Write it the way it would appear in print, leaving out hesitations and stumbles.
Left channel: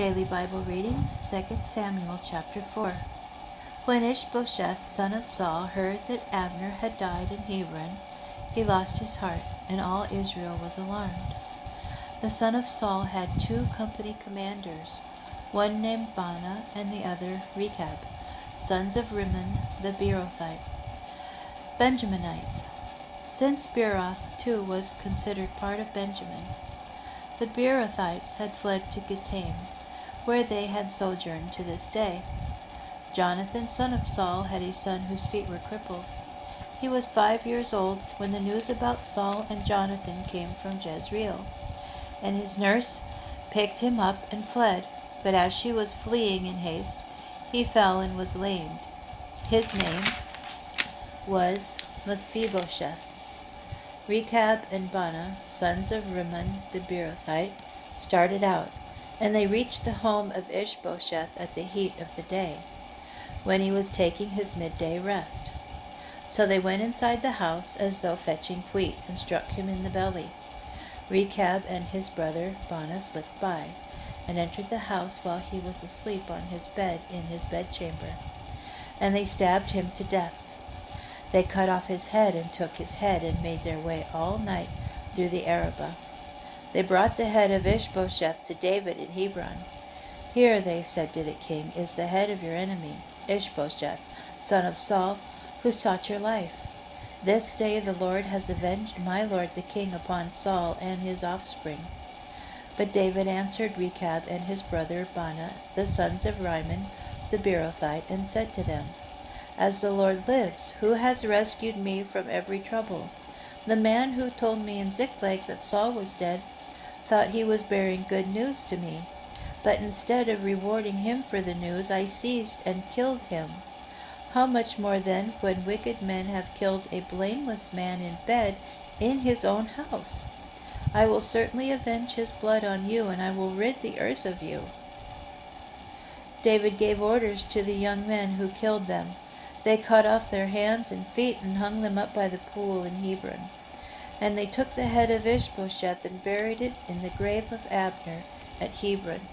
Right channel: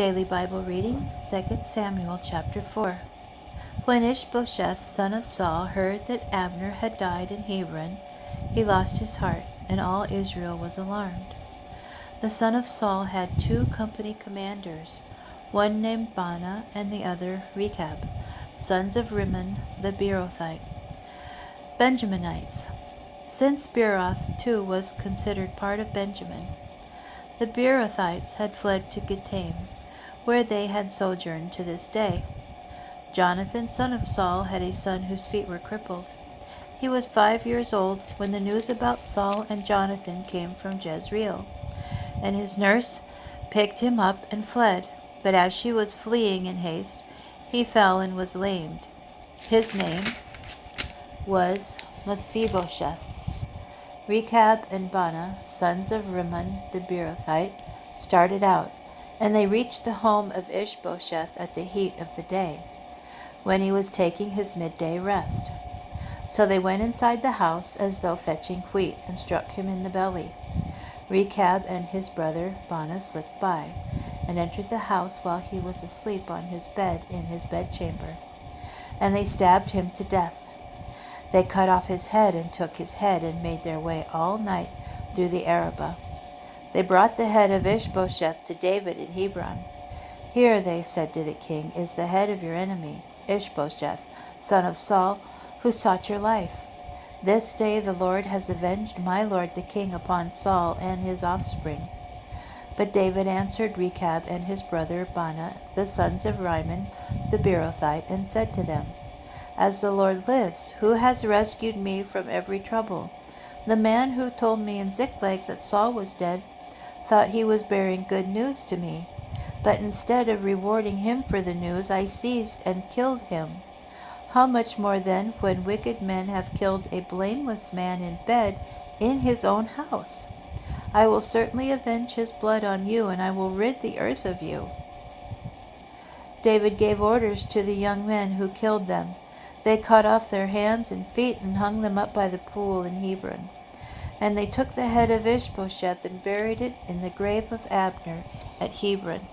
Daily Bible reading, 2 Samuel chapter 4. When Ishbosheth, son of Saul, heard that Abner had died in Hebron, he lost his heart, and all Israel was alarmed. The son of Saul had 2 company commanders, one named Baanah and the other Rechab, sons of Rimmon the Beerothite, Benjaminites. Since Beeroth too was considered part of Benjamin, the Beerothites had fled to Gittaim, where they had sojourned to this day. Jonathan, son of Saul, had a son whose feet were crippled. He was 5 years old when the news about Saul and Jonathan came from Jezreel, and his nurse picked him up and fled. But as she was fleeing in haste, he fell and was lamed. His name was Mephibosheth. Rechab and Baanah, sons of Rimmon the Beerothite, started out, and they reached the home of Ishbosheth at the heat of the day, when he was taking his midday rest. So they went inside the house as though fetching wheat, and struck him in the belly. Rechab and his brother Baanah slipped by, and entered the house while he was asleep on his bed in his bedchamber, and they stabbed him to death. They cut off his head and took his head, and made their way all night through the Arabah. They brought the head of Ishbosheth to David in Hebron. "Here," they said to the king, "is the head of your enemy, Ishbosheth, son of Saul, who sought your life. This day the Lord has avenged my lord the king upon Saul and his offspring." But David answered Rechab and his brother Baanah, the sons of Rimmon the Beerothite, and said to them, "As the Lord lives, who has rescued me from every trouble? The man who told me in Ziklag that Saul was dead thought he was bearing good news to me. But instead of rewarding him for the news, I seized and killed him. How much more then, when wicked men have killed a blameless man in bed in his own house? I will certainly avenge his blood on you, and I will rid the earth of you." David gave orders to the young men who killed them. They cut off their hands and feet and hung them up by the pool in Hebron. And they took the head of Ishbosheth and buried it in the grave of Abner at Hebron.